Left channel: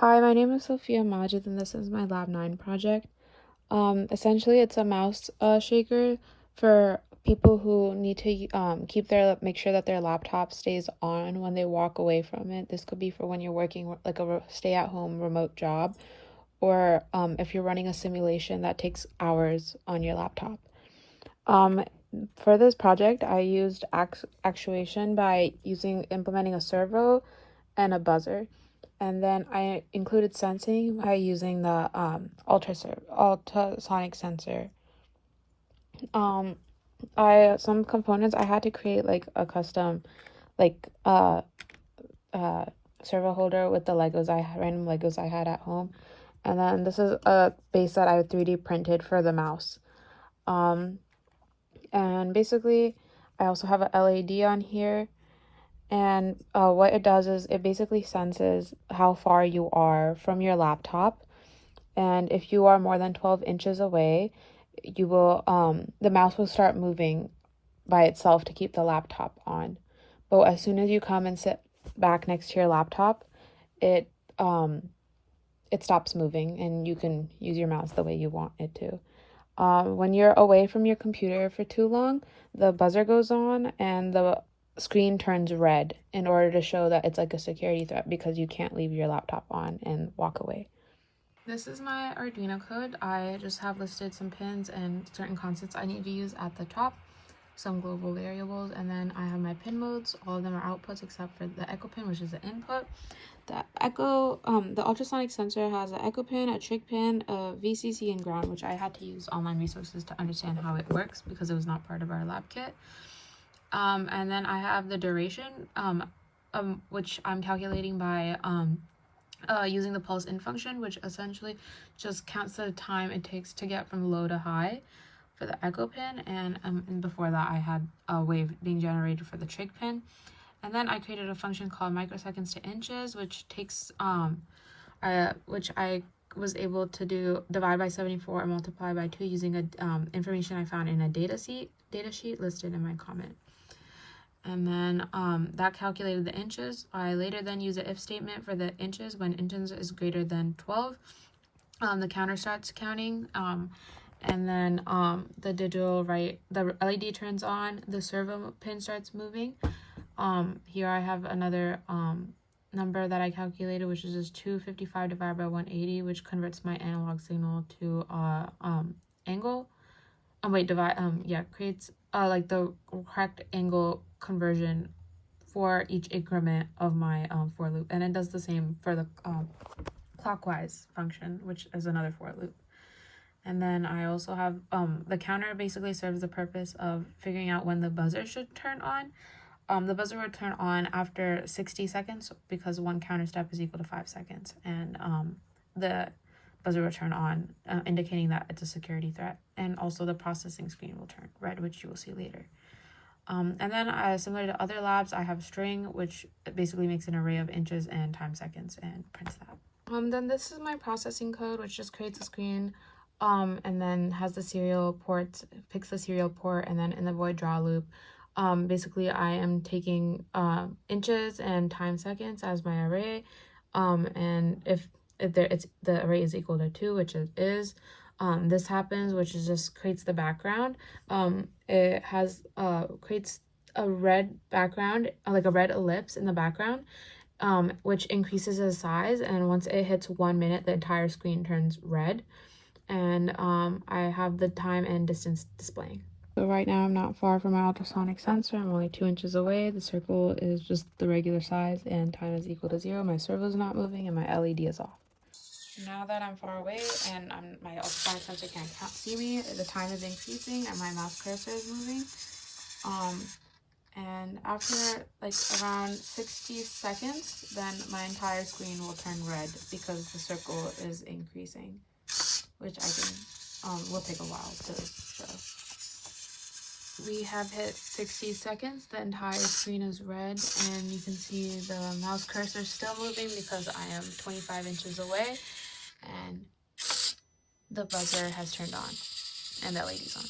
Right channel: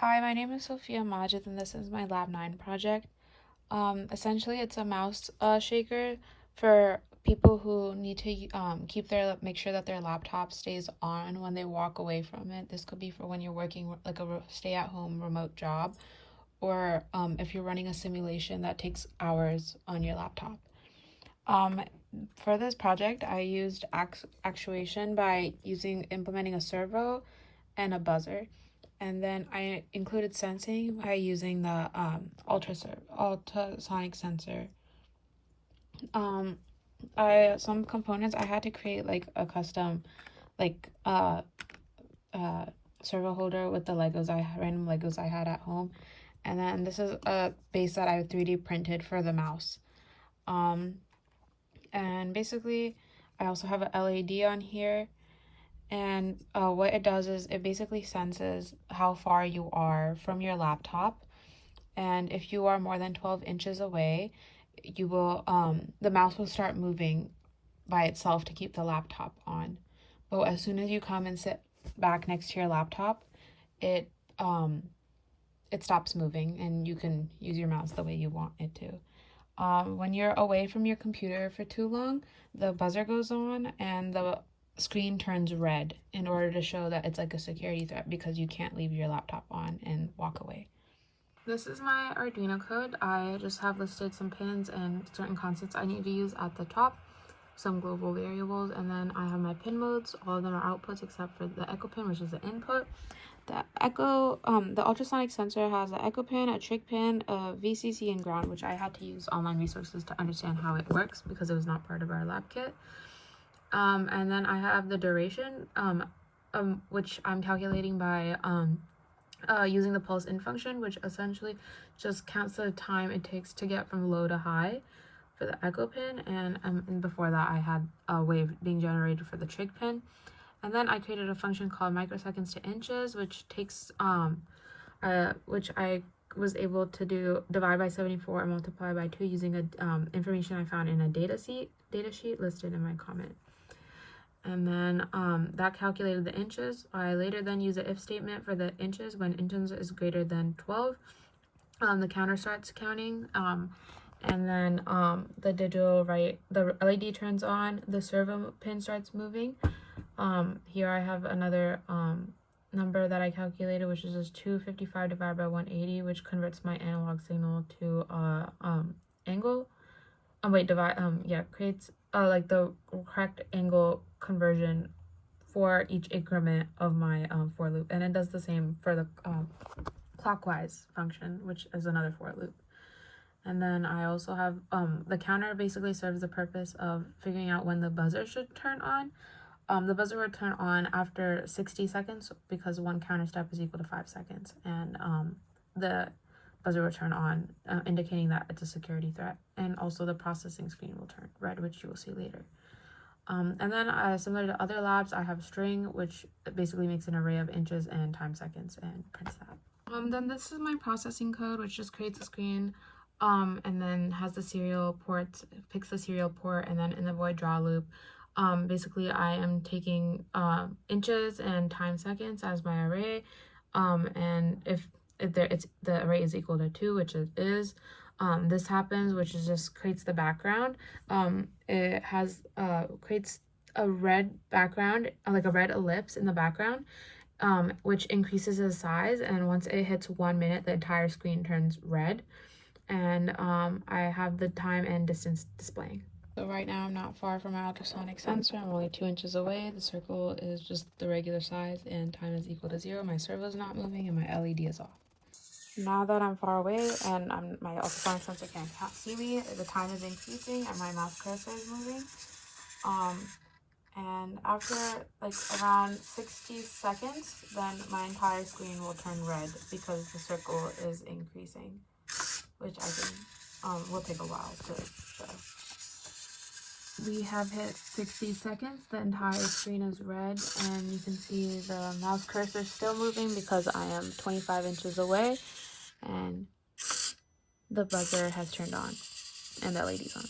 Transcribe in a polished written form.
Hi, my name is Sophia Majid, and this is my Lab 9 project. Essentially, it's a mouse shaker for people who need to make sure that their laptop stays on when they walk away from it. This could be for when you're working like a stay-at-home remote job, or if you're running a simulation that takes hours on your laptop. Um, for this project, I used actuation by implementing a servo and a buzzer. And then I included sensing by using the ultrasonic sensor. Um, some components I had to create like a custom like uh servo holder with the random Legos I had at home. And then this is a base that I 3D printed for the mouse. And basically I also have a LED on here. And what it does is it basically senses how far you are from your laptop. And if you are more than 12 inches away, the mouse will start moving by itself to keep the laptop on. But as soon as you come and sit back next to your laptop, it stops moving and you can use your mouse the way you want it to. When you're away from your computer for too long, the buzzer goes on and the screen turns red in order to show that it's like a security threat because you can't leave your laptop on and walk away. This is my Arduino code. I just have listed some pins and certain constants I need to use at the top, some global variables, and then I have my pin modes. All of them are outputs except for the echo pin, which is the input. The ultrasonic sensor has an echo pin, a trig pin, a VCC, and ground, which I had to use online resources to understand how it works because it was not part of our lab kit. And then I have the duration, which I'm calculating by using the pulse in function, which essentially just counts the time it takes to get from low to high for the echo pin, and before that I had a wave being generated for the trig pin. And then I created a function called microseconds to inches, which takes which I was able to divide by 74 and multiply by 2 using information I found in a data sheet listed in my comment. And then that calculated the inches. I later then used the if statement for the inches. When inches is greater than 12, the counter starts counting. And then the LED turns on, the servo pin starts moving. Here I have another number that I calculated, which is just 255 divided by 180, which converts my analog signal to angle. Creates like the correct angle conversion for each increment of my for loop, and it does the same for the clockwise function, which is another for loop. And then I also have the counter basically serves the purpose of figuring out when the buzzer should turn on. The buzzer would turn on after 60 seconds because one counter step is equal to 5 seconds, and the buzzer will turn on, indicating that it's a security threat, and also the processing screen will turn red, which you will see later. And then similar to other labs, I have string, which basically makes an array of inches and time seconds and prints that. Then this is my processing code, which just creates a screen, and then has the serial ports, picks the serial port, and then in the void draw loop, basically I am taking inches and time seconds as my array, and if the array is equal to 2, which it is, this happens, which is just creates the background. It has creates a red background, like a red ellipse in the background, which increases the size, and once it hits 1 minute, the entire screen turns red. And I have the time and distance displaying. So right now I'm not far from my ultrasonic sensor. I'm only 2 inches away. The circle is just the regular size and time is equal to 0. My servo is not moving and my LED is off. Now that I'm far away and my ultrasonic sensor can't see me, the time is increasing and my mouse cursor is moving. And after like around 60 seconds, then my entire screen will turn red because the circle is increasing, which I can will take a while to show. We have hit 60 seconds. The entire screen is red, and you can see the mouse cursor still moving because I am 25 inches away, and the buzzer has turned on and the LED's on.